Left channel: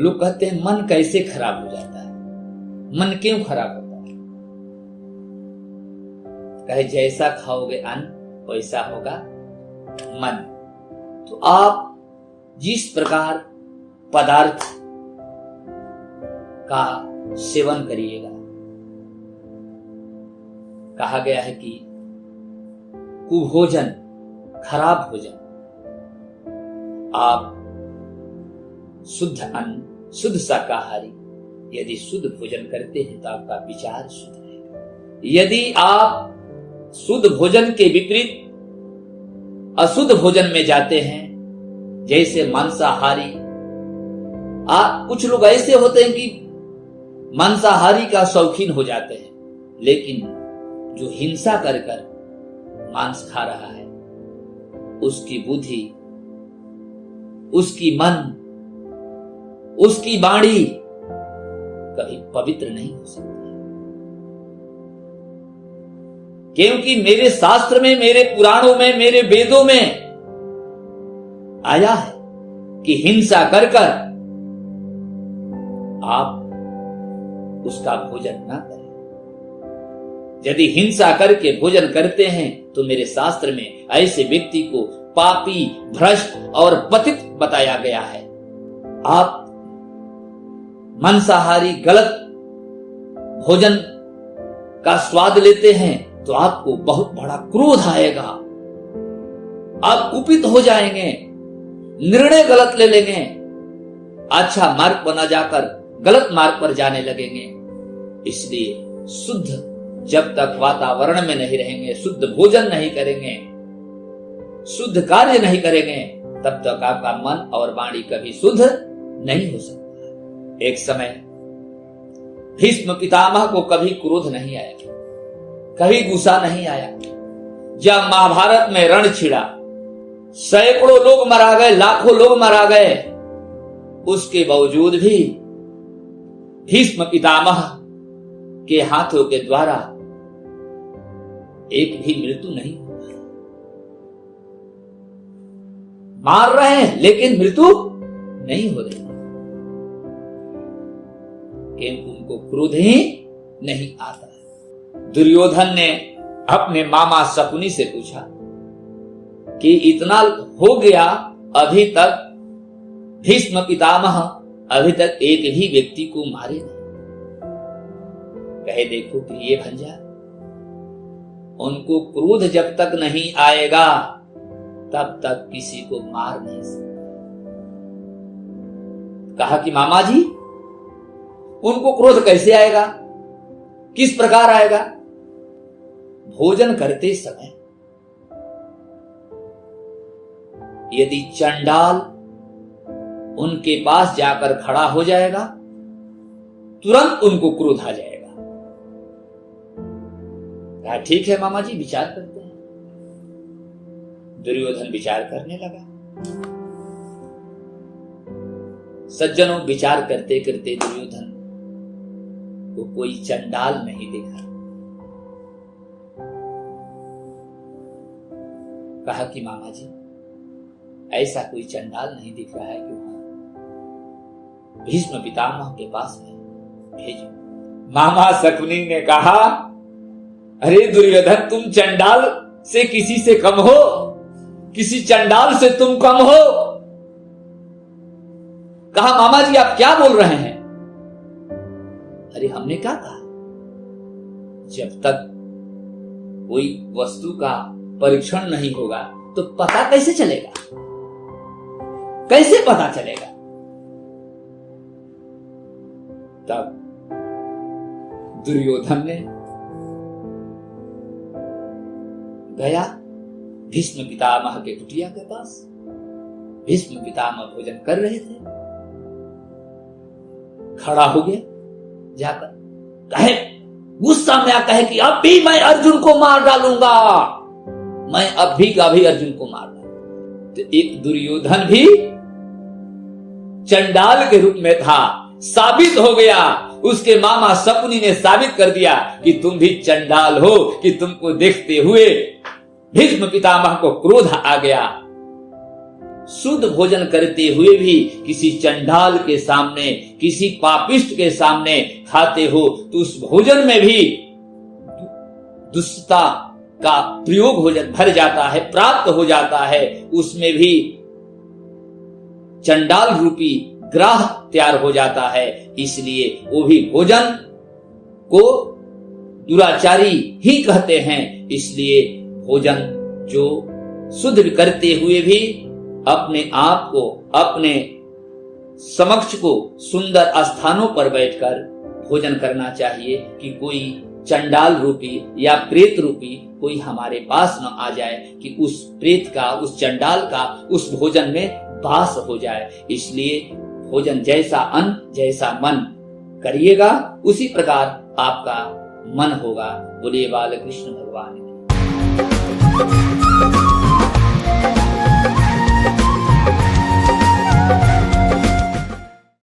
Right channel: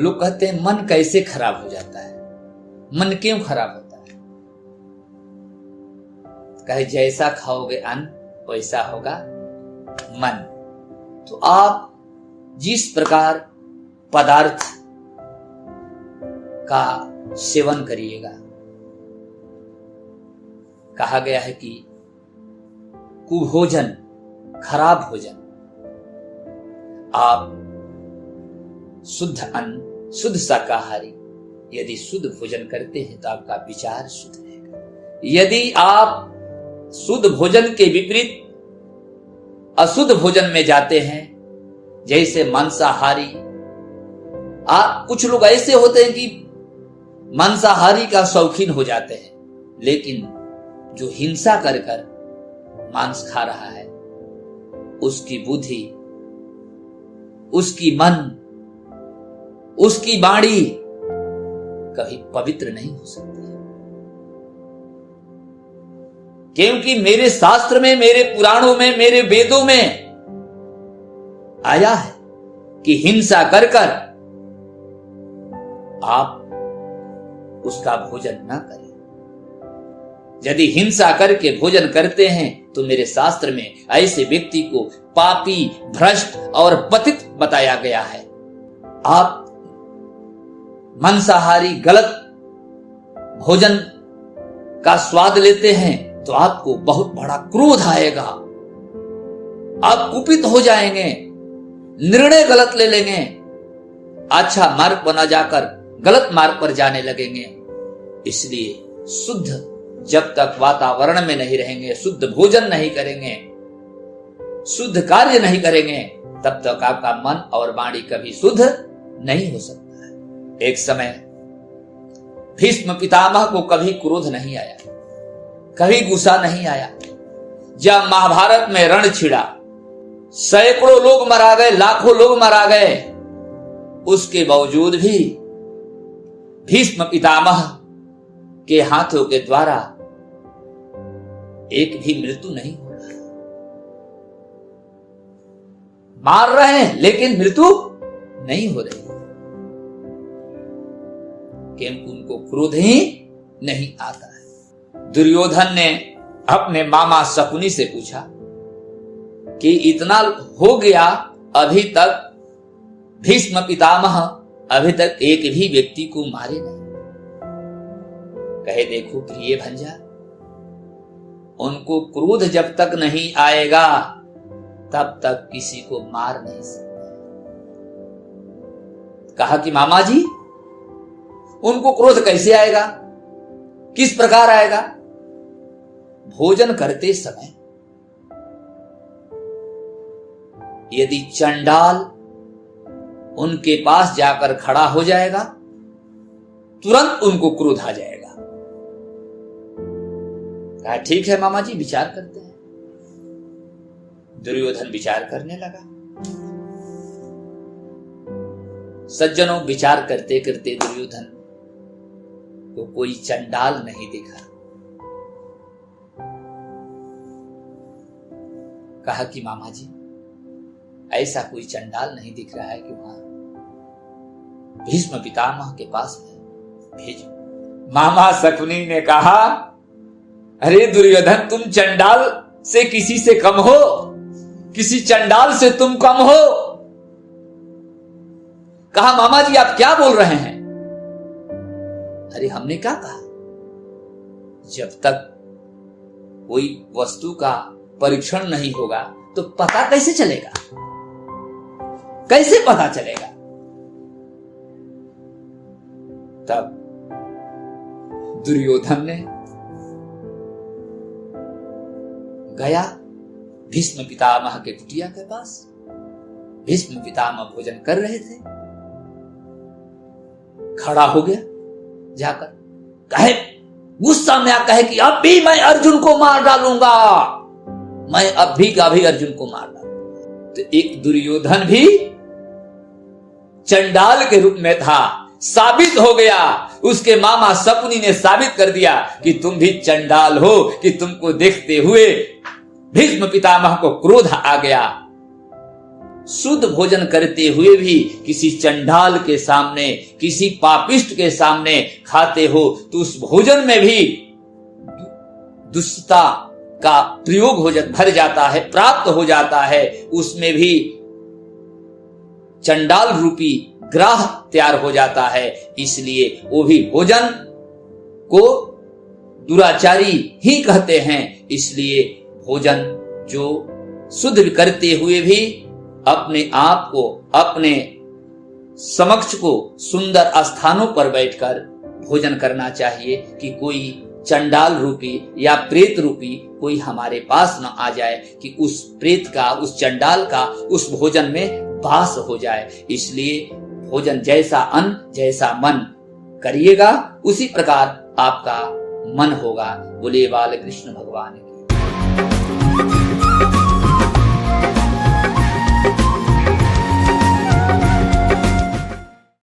लोग कहते हैं मन कैसे खराब हो जाता है, मन क्यों खराब होता है? कहे जैसा खाओगे अन्न वैसा होगा मन। तो आप जिस प्रकार पदार्थ का सेवन करिएगा, कहा गया है कि कुभोजन, खराब भोजन, आप शुद्ध अन्न, शुद्ध शाकाहारी यदि शुद्ध भोजन करते हैं तो आपका विचार शुद्ध रहेगा। यदि आप शुद्ध भोजन के विपरीत अशुद्ध भोजन में जाते हैं, जैसे मांसाहारी, कुछ लोग ऐसे होते हैं कि मांसाहारी का शौकीन हो जाते हैं, लेकिन जो हिंसा कर कर मांस खा रहा है उसकी बुद्धि, उसकी मन, उसकी वाणी कभी पवित्र नहीं हो सकती है। क्योंकि मेरे शास्त्र में, मेरे पुराणों में, मेरे वेदों में आया है कि हिंसा कर कर आप उसका भोजन ना करें। यदि हिंसा करके भोजन करते हैं तो मेरे शास्त्र में ऐसे व्यक्ति को पापी, भ्रष्ट और पतित बताया गया है। आप मांसाहारी गलत भोजन का स्वाद लेते हैं तो आपको बहुत बड़ा क्रोध आएगा, आप कुपित हो जाएंगे, निर्णय गलत ले लेंगे, अच्छा मार्ग पर न जाकर गलत मार्ग पर जाने लगेंगे। इसलिए शुद्ध जब तक वातावरण में नहीं रहेंगे, शुद्ध भोजन नहीं करेंगे, शुद्ध कार्य नहीं करेंगे, तब तक आपका मन और वाणी कभी शुद्ध नहीं हो सकता है। एक समय भीष्म पितामह को कभी क्रोध नहीं आया, कभी गुस्सा नहीं आया। जब महाभारत में रण छिड़ा, सैकड़ों लोग मारा गए, लाखों लोग मारा गए, उसके बावजूद भी भीष्म पितामह के हाथों के द्वारा एक भी मृत्यु नहीं हुआ। मार रहे हैं लेकिन मृत्यु नहीं हो रही, क्योंकि उनको क्रोध ही नहीं आता है। दुर्योधन ने अपने मामा शकुनी से पूछा कि इतना हो गया, अभी तक भीष्म पितामह अभी तक एक भी व्यक्ति को मारे नहीं। कहे देखो प्रिय भंजा, उनको क्रोध जब तक नहीं आएगा तब तक किसी को मार नहीं सकते। कहा कि मामा जी, उनको क्रोध कैसे आएगा, किस प्रकार आएगा? भोजन करते समय यदि चंडाल उनके पास जाकर खड़ा हो जाएगा, तुरंत उनको क्रोध आ जाएगा। कहा ठीक है मामा जी, विचार करते हैं। दुर्योधन विचार करने लगा। सज्जनों, विचार करते करते दुर्योधन को कोई चंडाल नहीं दिखा। कहा कि मामा जी, ऐसा कोई चंडाल नहीं दिख रहा है कि वहां भीष्म पितामह के पास में भेजो। मामा शकुनी ने कहा, अरे दुर्योधन, तुम चंडाल से किसी से कम हो, किसी चंडाल से तुम कम हो। कहा मामा जी आप क्या बोल रहे हैं? अरे हमने क्या कहा? जब तक कोई वस्तु का परीक्षण नहीं होगा तो पता कैसे चलेगा? कैसे पता चलेगा? तब दुर्योधन ने गया भीष्म पितामह के कुटिया के पास। भीष्म पितामह भोजन कर रहे थे, खड़ा हो गया जाकर, कहे गुस्सा में कहे कि अब भी मैं अर्जुन को मार डालूंगा, मैं अब भी का भी अर्जुन को मार डालूंगा। तो एक दुर्योधन भी चंडाल के रूप में था, साबित हो गया। उसके मामा शकुनी ने साबित कर दिया कि तुम भी चंडाल हो, कि तुमको देखते हुए भीष्म पितामह को क्रोध आ गया। शुद्ध भोजन करते हुए भी किसी चंडाल के सामने, किसी पापिष्ट के सामने खाते हो तो उस भोजन में भी दुष्टता का प्रयोग भर जाता है, प्राप्त हो जाता है। उसमें भी चंडाल रूपी ग्राह तैयार हो जाता है। इसलिए वो भी भोजन को दुराचारी ही कहते हैं। इसलिए भोजन जो शुद्ध करते हुए भी अपने आप को, अपने समक्ष को सुंदर स्थानों पर बैठकर भोजन करना चाहिए कि कोई चंडाल रूपी या प्रेत रूपी कोई हमारे पास न आ जाए कि उस प्रेत का, उस चंडाल का उस भोजन में वास हो जाए। इसलिए भोजन जैसा अन्न जैसा मन करिएगा, उसी प्रकार आपका मन होगा। बोलिए बाल कृष्ण भगवान की।